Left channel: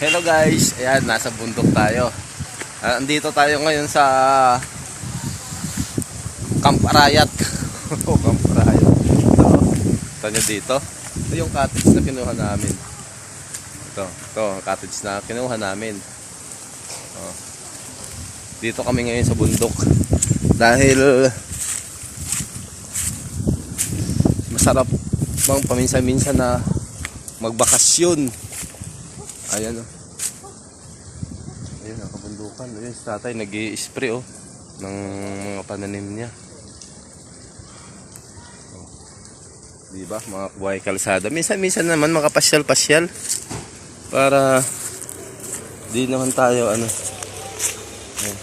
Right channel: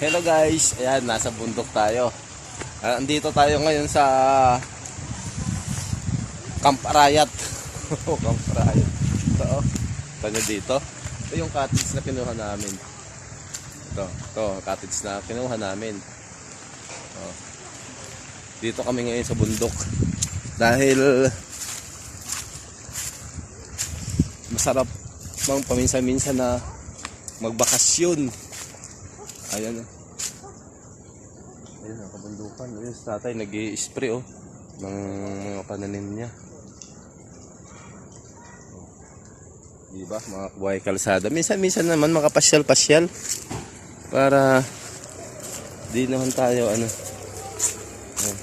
Hello guys, ayan, nasa bundok tayo. Andito tayo ngayon sa Camp Arayat. Camp Arayat. Ito nyo dito. Ito yung cottage na kinuha namin. Ito cottage na kinuha namin. Dito kami ngayon sa bundok. Dahil masarap bang paminsan-minsan na magbakasyon. Ayan o. Ayun ang kabundukan. Ayun si tatay nag-i-spray ng mga pananim niya. Diba? Mga buhay kalsada. Minsan-minsan naman makapasyal-pasyal. Para di naman tayo ano. Ayan.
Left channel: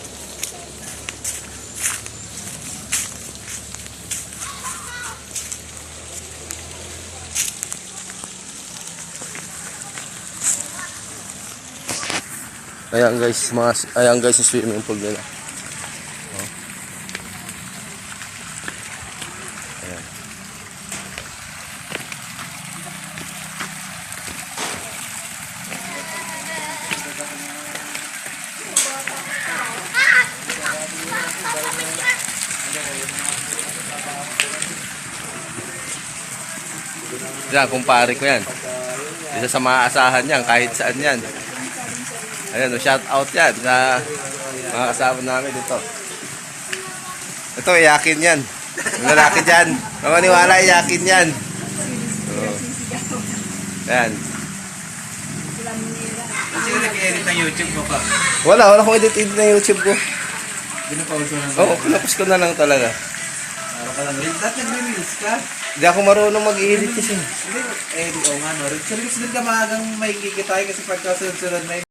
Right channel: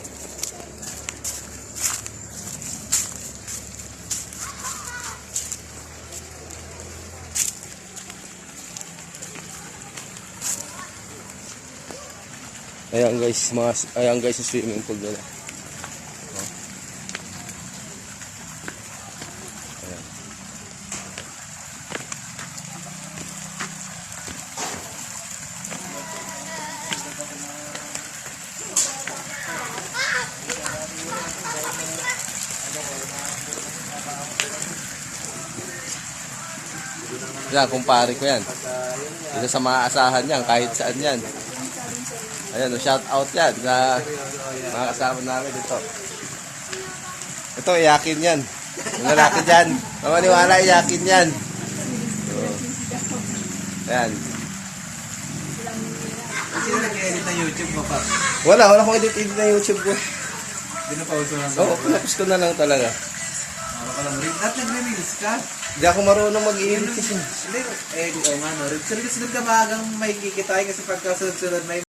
Ayan guys, yung swimming pool nila. Ayan. Yan, kumpare ko yan. Isa sa mga asahan niyan, kahit saan yan. Ayan, shout out yan sa mga kasama namin dito. Ito, iyakin yan. Mga lalaki dyan. Mga maniwala, iyakin yan. Ayan. Sino nag-edit ng YouTube mo ka? Wala akong edit ng YouTube ko. Pinapause mo lang. Oo, pinapos ko na lang talaga. Para ka lang. Ba't nag-release ka? Hindi ako marunong mag-edit kasi. Hindi, nga no. Release ka maagang may kikitahin kasi pagkasunod-sunod may